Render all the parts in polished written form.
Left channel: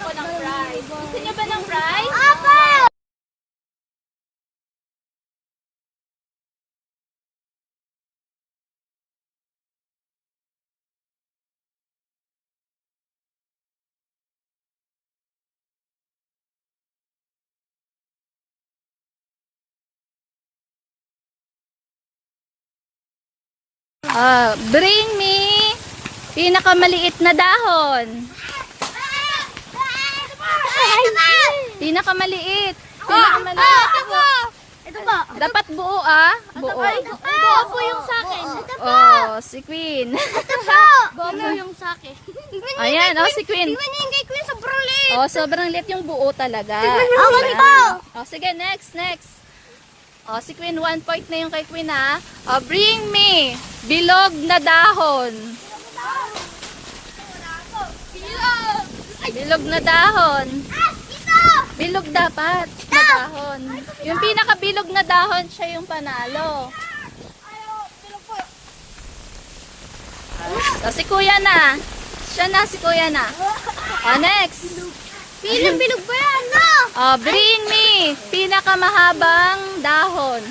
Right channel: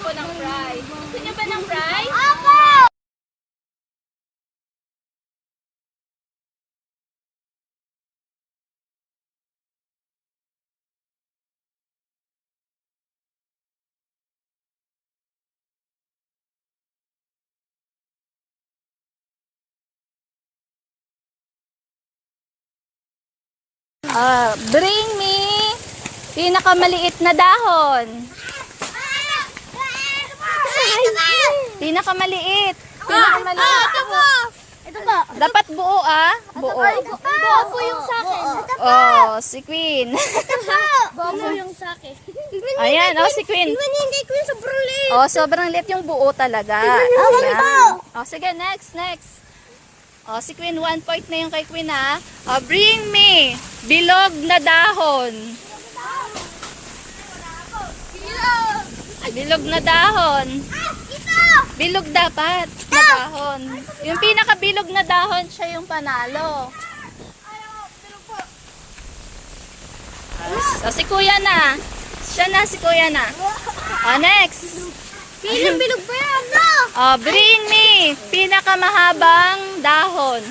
po ng rice. Gusto niyo ba ng rice? Opo! Bring me pinakamaliit na dahon. Pinakamaliit. Pinakamaliit. Ito po. Dapat buo buo. Buo po yung sa akin. Oh, si Queen. Buo po yung sa akin. Ayan, si Queen. Tingnan niyo yung kay Queen, sobrang liit. Sobrang liit yung buo talaga. Ako po. Sige, next. Si Queen, 1 point na yung kay Queen ha. Bring me bilog na dahon. Bilog na dahon. Bilog dapat na dahon. Yung pinakabilog na dahon, siya yung panalo. Si Kuya na. Siya na, si Kuya na. Next. Bilog ba yan? No! Bring me pinakamahabang dahon.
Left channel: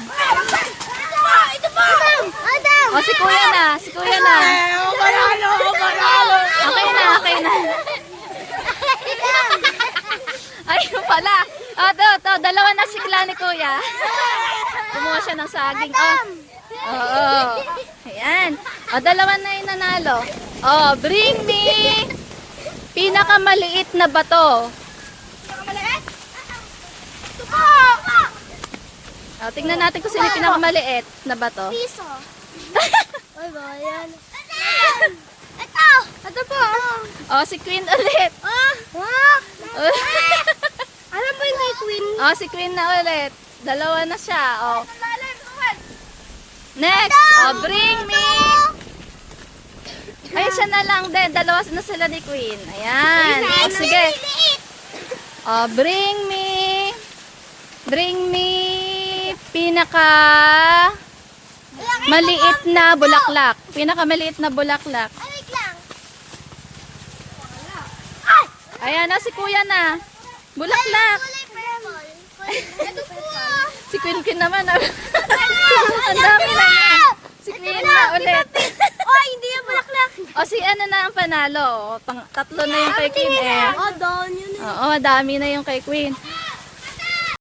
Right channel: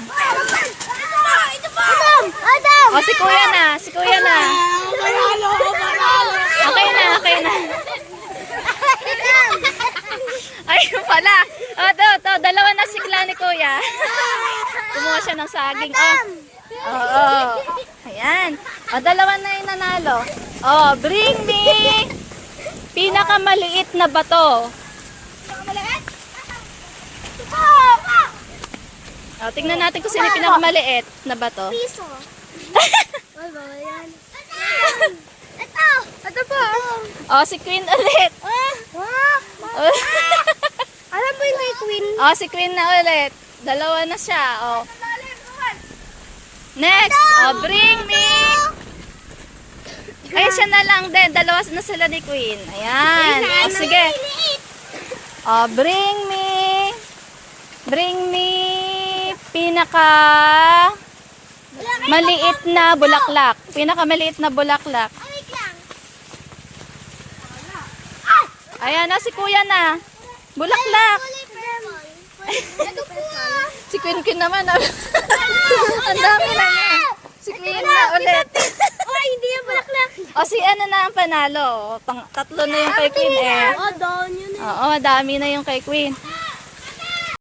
Adam! Si Kuya na, si Kuya na. Okay na. Ayun pala. To, dalawa na sikla ni Kuya. Kumuha siya ng saging. Ayan. Dalawa na yung nanalo. Bring me pinakamaliit na bato. Tingnan natin kung sino yung pinakamaliit na bato. Piso. Ay ba, yan. Ito po. Si Queen ulit. Alam mo yung kay Queen? Si Queen na ulit. Dalawa na siya. Next. Bring me. Ay, siya na lang din. Dalawa na sila ni Queen. Ayan. Sige. Bring me pinaka maliit na bulaklak. Pinakamaliit na bulaklak. Wait lang. Ayan na, si Kuya na. Bulaklak. Ito po. Si Queen naman. Ang dami na niya. Si Queen na ulit. Hindi na bulaklak. Si ano na ang panalo. Tatlo na yung kay Queen eh. Down yun. Dami na yung kay Queen.